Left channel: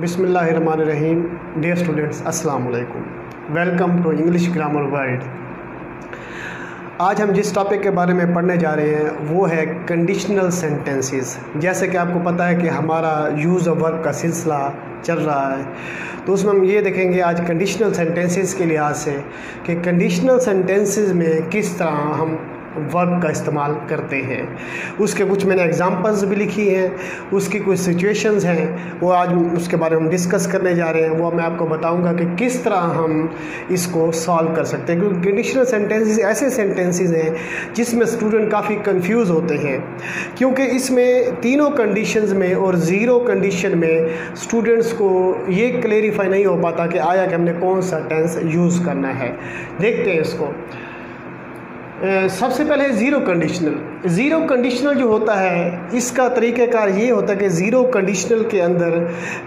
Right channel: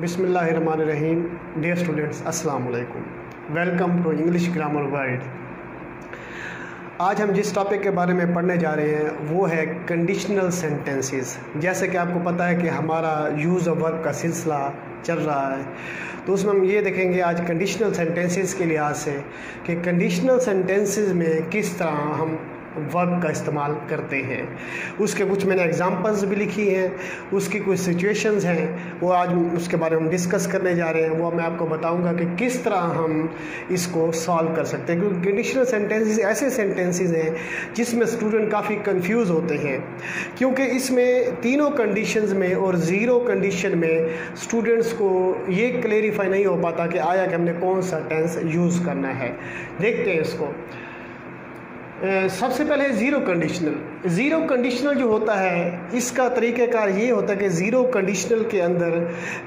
बिस्मिल्लाहिर्रहमानिर्रहीम। Dear students, अस्सलाम वालेकुम। Welcome to English grammar world. आज हम जिस टॉपिक के बारे में पढ़ने जा रहे हैं वो है कंडीशनल सेंटेंसेस। जैसे कि आपको पता है कि हमारा यूज़ ऑफ वर्ब का सिलसिला चल रहा है, तो उसमें हम ये देखेंगे आज कंडीशनल सेंटेंसेस के लिहाज से कि कंडीशनल सेंटेंसेस में किस तरह हम वर्ब का इस्तेमाल करते हैं। उसके कुछ मैंने एग्जांपल्स भी लिखी हैं, उसकी कुछ सिचुएशंस हैं, वो आज उसके बारे में हम डिस्कस करने जा रहे हैं। वो मैं आपको बताऊंगा कि किस तरह हम इसको सॉल्व कर सकते हैं, क्योंकि कंडीशनल सेंटेंसेस ऐसे सेंटेंसेस हैं जिसमें स्टूडेंट काफ़ी कंफ्यूज होते हैं, क्योंकि इसमें तीनों कंडीशंस में और ज़ीरो कंडीशन में स्टूडेंट्स को ये क्लेरिफाई नहीं हो पाता कि आया कि हमने कौन सा टेंस यूज़ करना है। देखते हैं इसको। सबसे पहले ज़ीरो कंडीशनल जो होता है इसका तरीक़ाकार ये होता है कि ज़ीरो कंडीशनल के अंदर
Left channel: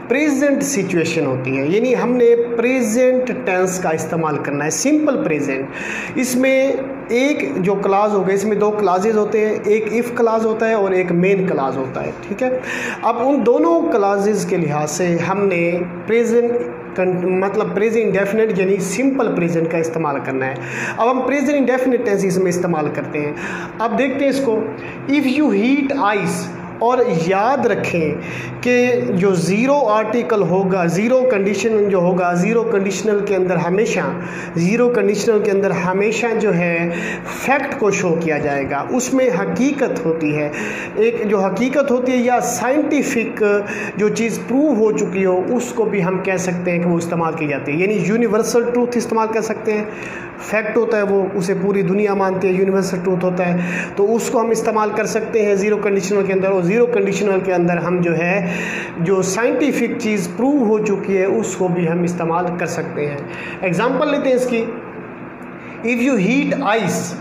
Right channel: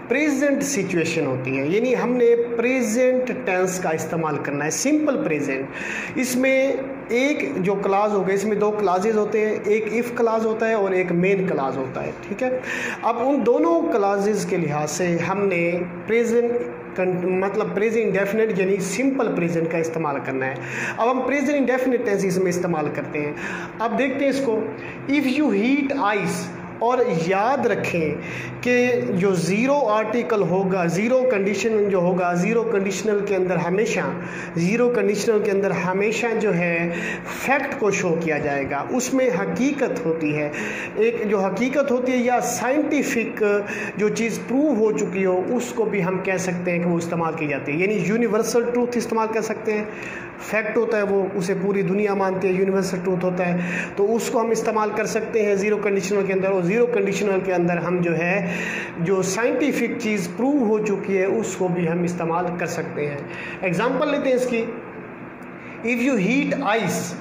प्रेजेंट सिचुएशन होती है, यानी हमने प्रेजेंट टेंस का इस्तेमाल करना है, सिंपल प्रेजेंट। इसमें एक जो क्लाज हो गया, इसमें दो क्लाजेज होते हैं, एक इफ़ क्लाज होता है और एक मेन क्लाज होता है, ठीक है। अब उन दोनों क्लाजेज के लिहाज से हमने प्रेजेंट इंडेफिनिट यानी सिंपल प्रेजेंट का इस्तेमाल करना है। अब हम प्रेजेंट इंडेफिनिट टेंस इसमें इस्तेमाल करते हैं। अब देखते हैं इसको। इफ़ यू हीट आइस, और याद रखें कि जो ज़ीरो आर्टिकल होगा, ज़ीरो कंडीशन जो होगा, ज़ीरो कंडीशनल के अंदर हमेशा जो है फैक्ट को शो किया जाएगा, उसमें हकीकत होती है। एक जो हकीकत होती है या साइंटिफिक जो चीज़ प्रूव हो चुकी हो उसको भी हम कह सकते हैं कि वो इस्तेमाल की जाती है, यानी यूनिवर्सल ट्रूथ इस्तेमाल कर सकते हैं। फैक्ट होता है वो, उसे पूरी दुनिया मानती है, यूनिवर्सल ट्रूथ होता है, तो उसको हम इस्तेमाल कर सकते हैं ज़ीरो कंडीशनल के अंदर। और ज़ीरो कंडीशनल के अंदर हम जो है जो साइंटिफिक चीज़ प्रूव हो चुकी है उसको भी हम इस्तेमाल कर सकते हैं। एग्जांपल लेते हैं इसकी। If you heat ice,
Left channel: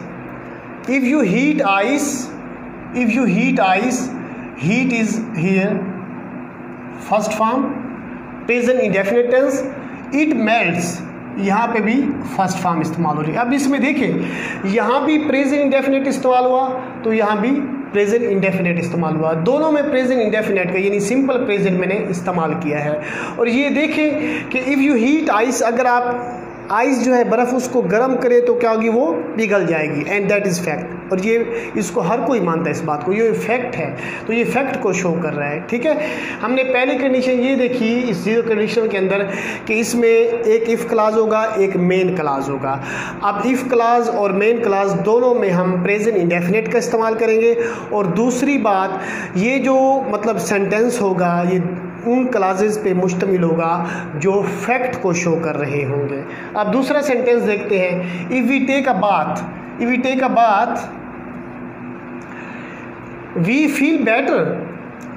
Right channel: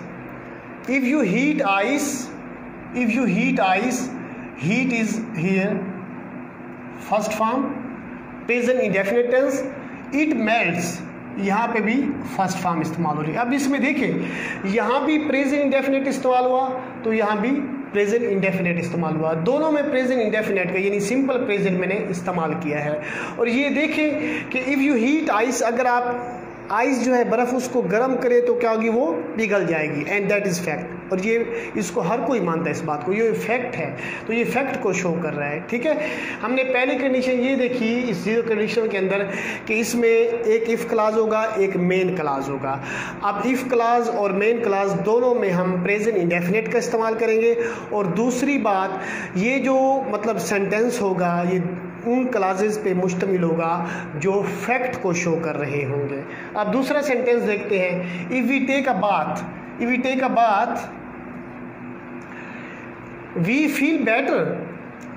heat is here first form, present indefinite tense. It melts, यहाँ पे भी फर्स्ट फॉर्म इस्तेमाल हो रही है। अब इसमें देखिए, यहाँ भी प्रेजेंट इंडेफिनिट इस्तेमाल हुआ तो यहाँ भी प्रेजेंट इंडेफिनिट इस्तेमाल हुआ। दोनों में प्रेजेंट इंडेफिनिट का यानी सिंपल प्रेजेंट मैंने इस्तेमाल किया है। और ये देखें कि इफ़ यू हीट आइस, अगर आप आइस जो है बर्फ़ उसको गर्म करें तो क्या होगी, वो पिघल जाएगी, एंड दैट इज़ फैक्ट। और ये इसको हर कोई मानता है इस बात को, ये फैक्ट है, तो ये फैक्ट को शो कर रहा है, ठीक है। हमने पहली कंडीशन ये देखी इस ज़ीरो कंडीशन के अंदर कि इसमें एक इफ़ क्लाज होगा, एक मेन क्लाज होगा। अब इफ़ क्लाज और मेन क्लाज दोनों में हम प्रेजेंट इंडेफिनिट का इस्तेमाल करेंगे। और दूसरी बात, ये जो मतलब सेंटेंस होगा ये उन क्लासेस पे मुश्तमिल होगा जो फैक्ट को शो कर रहे होंगे। अब दूसरा सेंटेंस देखते हैं। If we take a bath we feel better.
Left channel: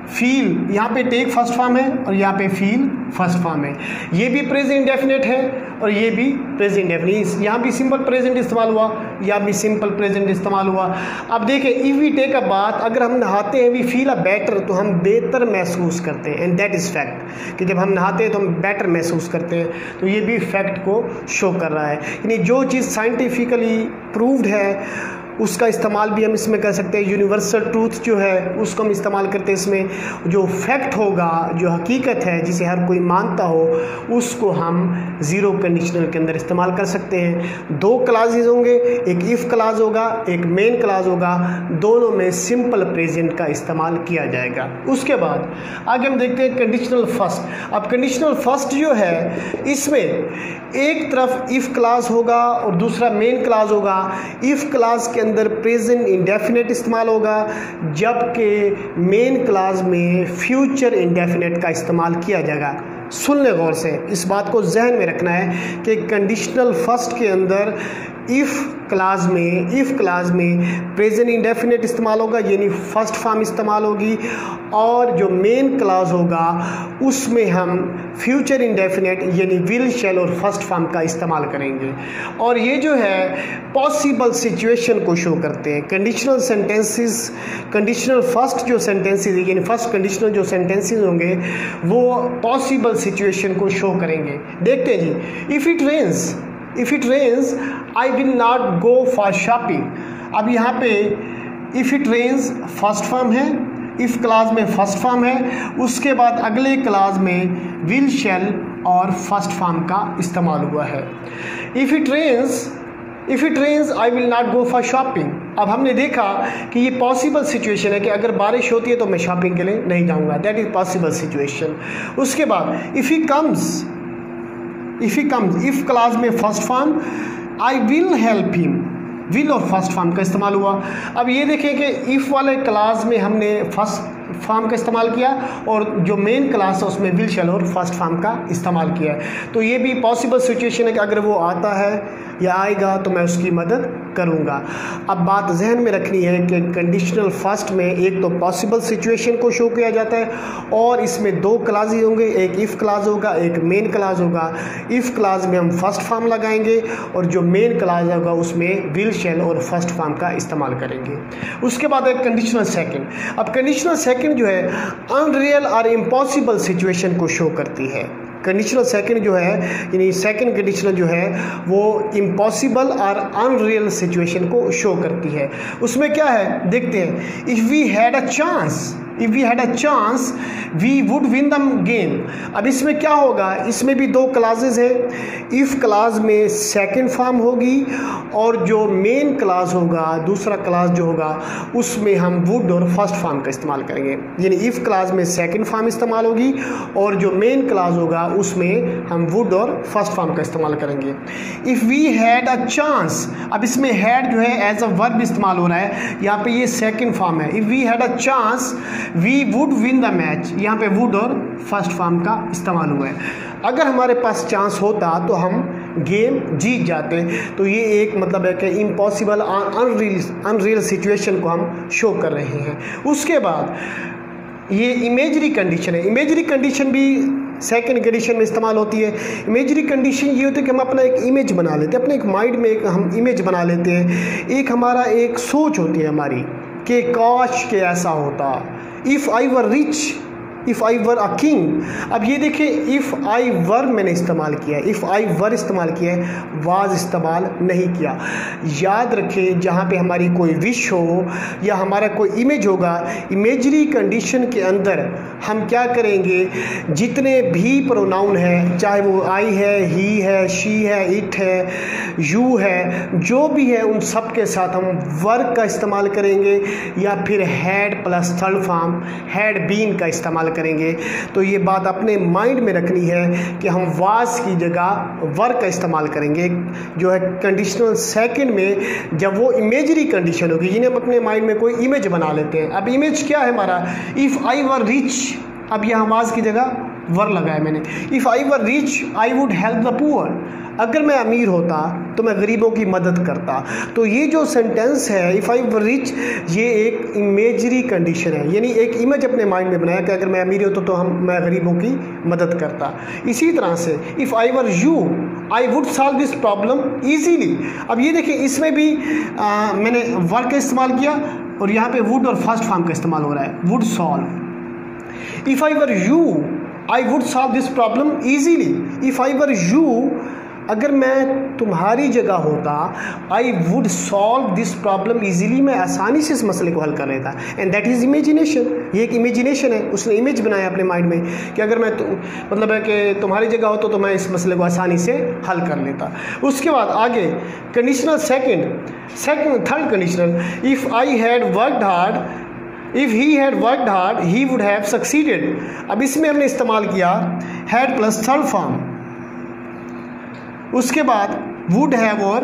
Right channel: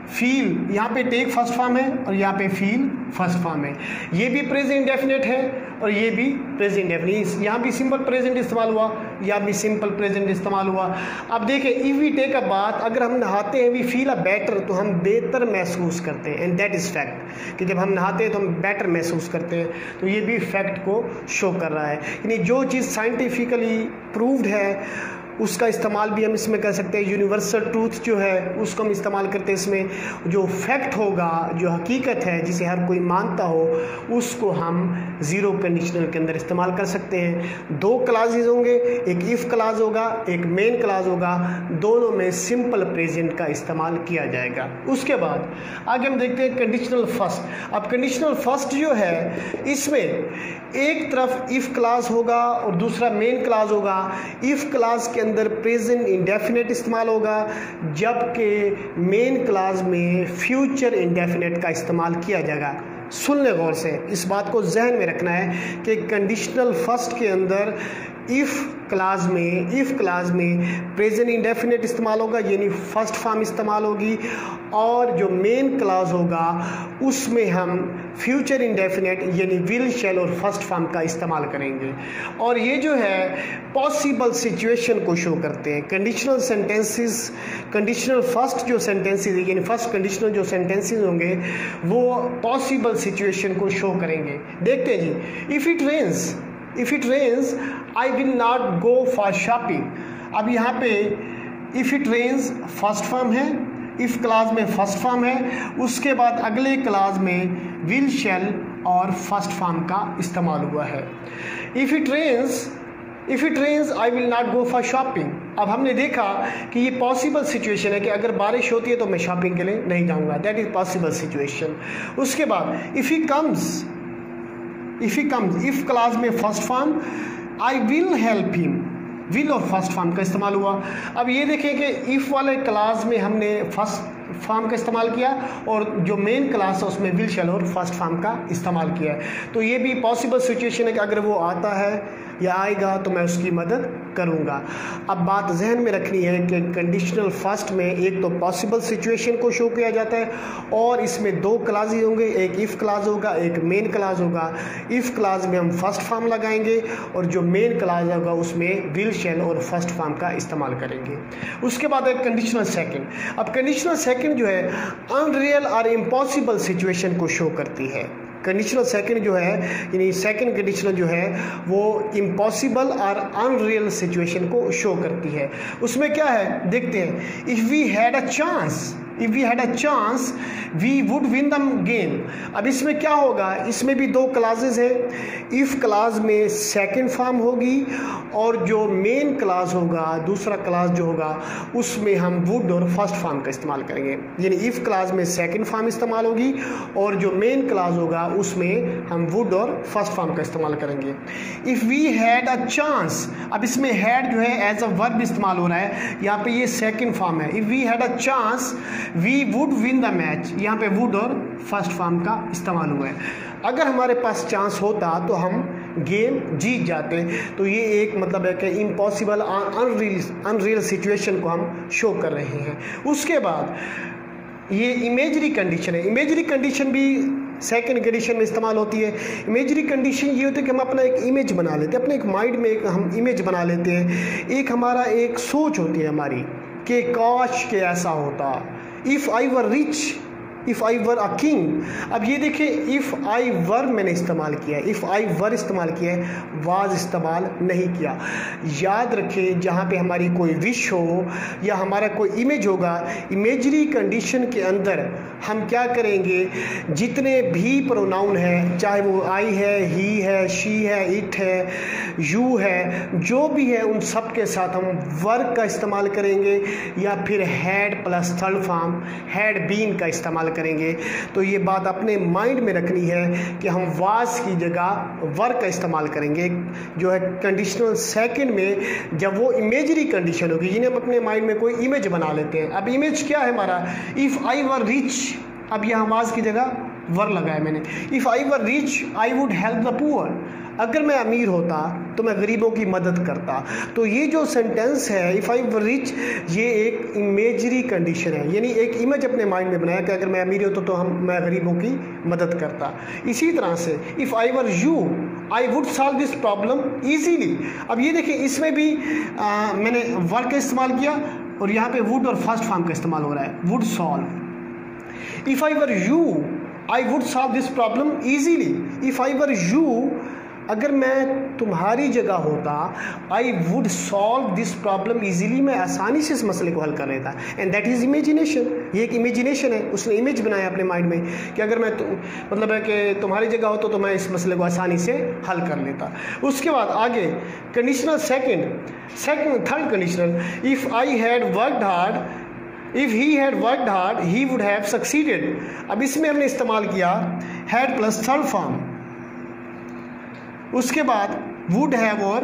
Feel यहाँ पे टेक फर्स्ट फॉर्म है और यहाँ पे फील फर्स्ट फॉर्म है। ये भी प्रेजेंट इंडेफिनिट है और ये भी प्रेजेंट इंडेफिनिट। यहाँ भी सिंपल प्रेजेंट इस्तेमाल हुआ, यहाँ भी सिंपल प्रेजेंट इस्तेमाल हुआ। अब देखिए, if we take a bath, अगर हम नहाते हैं, वी फील अ बेटर, तो हम बेहतर महसूस करते हैं, एंड दैट इज़ फैक्ट, कि जब हम नहाते हैं तो हम बेटर महसूस करते हैं, तो ये भी फैक्ट को शो कर रहा है। यानी जो चीज़ साइंटिफिकली प्रूव्ड है उसका इस्तेमाल भी हम इसमें कर सकते हैं। यूनिवर्सल ट्रूथ जो है उसको हम इस्तेमाल करते हैं इसमें। जो फैक्ट होगा, जो हकीकत है, जिसे हर कोई मानता हो, उसको हम ज़ीरो कंडीशनल के अंदर इस्तेमाल कर सकते हैं। दो क्लासेज होंगे, एक इफ़ क्लाज होगा, एक मेन क्लाज होगा, दोनों में सिंपल प्रेजेंट का इस्तेमाल किया जाएगा। उसके बाद आगे हम देखते हैं कंडीशनल फर्स्ट। अब कंडीशनल फर्स्ट जो है इसमें एक तरफ इफ़ क्लाज होगा और दूसरा मेन क्लाज होगा। इफ़ क्लाज के अंदर प्रेजेंट इंडेफिनिट इस्तेमाल होगा, जबकि मेन क्लाज में फ्यूचर इंडेफिनिट का इस्तेमाल किया जाएगा। सुन ले गौर से, इस बात को जहन में रखना है कि कंडीशनल फर्स्ट के अंदर इफ़ क्लाज में प्रेजेंट इंडेफिनिट इस्तेमाल होगा, यानी फर्स्ट फॉर्म इस्तेमाल होगी, और जो मेन क्लाज होगा उसमें हम फ्यूचर इंडेफिनिट यानी विल, शैल और फर्स्ट फॉर्म का इस्तेमाल करेंगे। और ये जो है पॉसिबल सिचुएशन को शो करते हैं। कंडीशनल सेंटेंसेस, कंडीशनल फर्स्ट जो सेंटेंसेस यानी फर्स्ट कंडीशनल जो सेंटेंसेस होंगे वो पॉसिबल सिचुएशन को शो करेंगे। देखते हैं जी। If it rains I will not go for shopping. अब यहाँ पे if it rains first form है, इफ़ क्लास में फर्स्ट फॉर्म है, उसके बाद अगले क्लास में विल, शैल और फर्स्ट फॉर्म का इस्तेमाल हुआ है। If it rains I will not go for shopping. अब हमने देखा कि ये पॉसिबल सिचुएशन है कि अगर बारिश होती है तो मैं शॉपिंग के लिए नहीं जाऊंगा, दैट इज पॉसिबल सिचुएशन। उसके बाद if he comes, if clause में first form, I will help him, will और फर्स्ट फॉर्म का इस्तेमाल हुआ। अब ये देखें कि इफ़ वाले क्लास में हमने फर्स्ट फॉर्म का इस्तेमाल किया और जो मेन क्लास है उसमें विल, शैल और फर्स्ट फॉर्म का इस्तेमाल किया है। तो ये भी पॉसिबल सिचुएशन है कि अगर वो आता है या आएगा तो मैं उसकी मदद करूंगा। अब बात जहन में रखनी है कि कंडीशनल फर्स्ट में एक तो पॉसिबल सिचुएशन को शो किया जाता है और इसमें दो क्लासेज होंगे, एक इफ़ क्लास होगा, एक मेन क्लास होगा। इफ़ क्लास में हम फर्स्ट फॉर्म लगाएंगे और जो मेन क्लास होगा उसमें विल, शैल और फर्स्ट फॉर्म का इस्तेमाल करेंगे। उसके बाद है कंडीशनल सेकंड। अब कंडीशनल सेकंड जो है अनरियल और इम्पॉसिबल सिचुएशन को शो करती है। कंडीशनल सेकंड जो है यानी सेकंड कंडीशनल जो है वो इम्पॉसिबल और अनरियल सिचुएशन को शो करती है। उसमें क्या है देखते हैं। If we had a chance we would win the game. अब इसमें क्या होगा, इसमें भी दो क्लासेस हैं। इफ़ क्लास में सेकंड फॉर्म होगी और जो मेन क्लास होगा, दूसरा क्लास जो होगा उसमें हम वुड और फर्स्ट फॉर्म का इस्तेमाल करेंगे। यानी इफ़ क्लास में सेकंड फॉर्म इस्तेमाल होगी और जो मेन क्लास होगा उसमें हम वुड और फर्स्ट फॉर्म का इस्तेमाल करेंगे। If we had a chance, अब इसमें हैड जो है एज अ वर्ब इस्तेमाल हो रहा है, यहाँ पे ये सेकंड फॉर्म है। If we had a chance we would win the match, यहाँ पे वुड और फर्स्ट फॉर्म का इस्तेमाल हुआ है। अगर हमारे पास चांस होता तो हम गेम जीत जाते। तो ये एक मतलब है कि इम्पॉसिबल अनरियल सिचुएशन को हम शो कर रहे हैं। उसके बाद ये इमेजरी कंडीशन है। इमेजरी कंडीशन भी सेकंड कंडीशन में इस्तेमाल होती है। इमेजरी कंडीशन ये होती है कि हम अपना एक इमेज बना लेते हैं, अपने एक माइंड में एक हम इमेज बना लेते हैं। एक हमारा एक सोच होती है हमारी कि काश के ऐसा होता। If I were rich, if I were a king. अब ये देखिए इफ़ आई वर मैंने इस्तेमाल किया है, इफ़ आई वर इस्तेमाल किया है, वाज इस्तेमाल नहीं किया। याद रखें जहाँ पे हमारी कोई विश हो या हमारा कोई इमेज होगा, इमेजरी कंडीशन के अंदर हम क्या करेंगे, जितने भी प्रोनाउन हैं, चाहे वो आई है, ही है, शी है, इट है, यू है, जो भी है, उन सब के साथ हम वर्क का इस्तेमाल करेंगे या फिर had plus third form had been का इस्तेमाल करेंगे। तो ये बात अपने माइंड में रखनी है कि हम वाज की जगह वर्क का इस्तेमाल करेंगे जो है कंडीशनल सेकंड में, जब वो इमेजरी कंडीशन होगी जिन्हें हम अपने माइंड में कोई इमेज बना लेते हैं। अब इमेज क्या है हमारा, इफ़ आई वर रिच, अब यहाँ वाज की जगह वर लगाया मैंने। If I were rich I would help the poor, अगर मैं अमीर होता तो मैं गरीबों की मदद करता। तो ये जो सेंटेंस है इफ़ आई वर रिच, ये एक इमेजरी कंडीशन है, यानी एक इमेज अपने माइंड में बनाया कि अगर मैं अमीर होता तो मैं गरीबों की मदद करता। इसी तरह से if I were you I would solve this problem easily. अब ये देखिए इसमें भी मैंने वर्क का इस्तेमाल किया और यहाँ पे वुड और फर्स्ट फॉर्म का इस्तेमाल हो रहा है, would solve. If I were you I would solve this problem easily. If I were you, अगर मैं तुम्हारी जगह होता, I would solve this problem easily, मैं आसानी से इस मसले को हल कर लेता। एंड दैट इज़ इमेजिनेशन, ये एक इमेजिनेशन है। उसने इमेज बनाया अपने माइंड में कि अगर मैं मतलब है कि तुम्हारी जगह होता तो मैं इस मसले को आसानी से हल कर लेता। उसके बाद आगे conditional third conditional, if I had worked hard, if he had worked hard he would have succeeded. अब इसमें हमने इस्तेमाल किया हैड प्लस थर्ड फॉर्म, उसके बाद वुड हैव और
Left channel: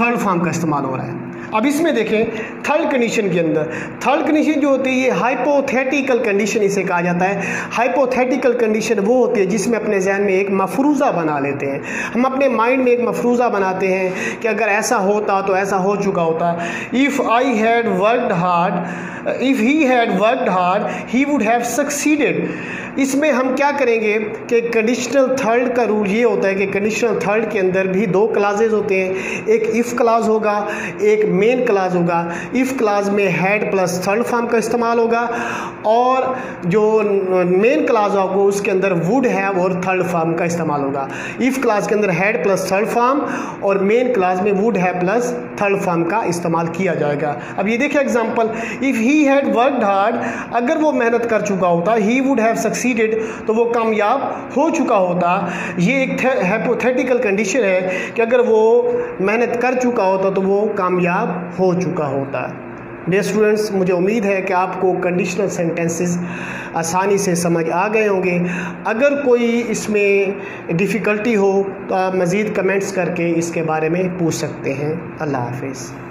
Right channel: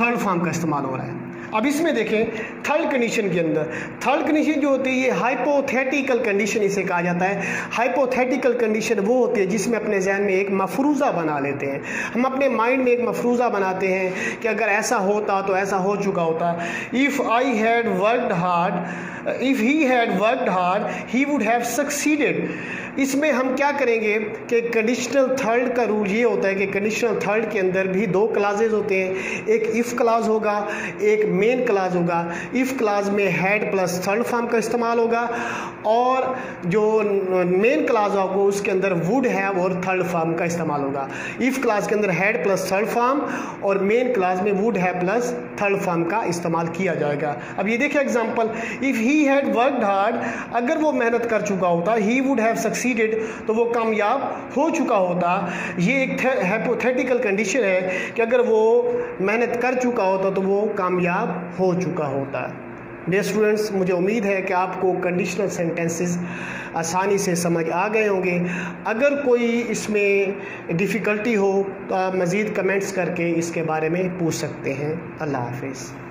थर्ड फॉर्म का इस्तेमाल हो रहा है। अब इसमें देखें थर्ड कंडीशन के अंदर, थर्ड कंडीशन जो होती है ये हाइपोथेटिकल कंडीशन इसे कहा जाता है। हाइपोथेटिकल कंडीशन वो होती है जिसमें अपने जहन में एक मफरूज़ा बना लेते हैं। हम अपने माइंड में एक मफरूज़ा बनाते हैं कि अगर ऐसा होता तो ऐसा हो चुका होता। If I had worked hard, if he had worked hard he would have succeeded. इसमें हम क्या करेंगे कि कंडीशनल थर्ड का रूल ये होता है कि कंडीशनल थर्ड के अंदर भी दो क्लासेज होते हैं, एक इफ़ क्लास होगा, एक मेन क्लास होगा। इफ़ क्लास में हैड प्लस थर्ड फॉर्म का इस्तेमाल होगा और जो मेन क्लास होगा उसके अंदर वुड हैव और थर्ड फॉर्म का इस्तेमाल होगा। इफ़ क्लास के अंदर हैड प्लस थर्ड फॉर्म और मेन क्लास में would have plus third form का इस्तेमाल किया जाएगा। अब ये देखिए example, if he had worked hard, अगर वो मेहनत कर चुका होता, he would have succeeded, succeeded, तो वो कामयाब हो चुका होता। ये एक हाइपोथेटिकल कंडीशन है कि अगर वो मेहनत कर चुका होता तो वो कामयाब हो चुका होता। डियर स्टूडेंट्स, मुझे उम्मीद है कि आपको कंडीशनल सेंटेंसेस आसानी से समझ आ गए होंगे। अगर कोई इसमें डिफ़िकल्टी हो तो आप मज़ीद कमेंट्स करके इसके बारे में पूछ सकते हैं। अल्लाह हाफिज़।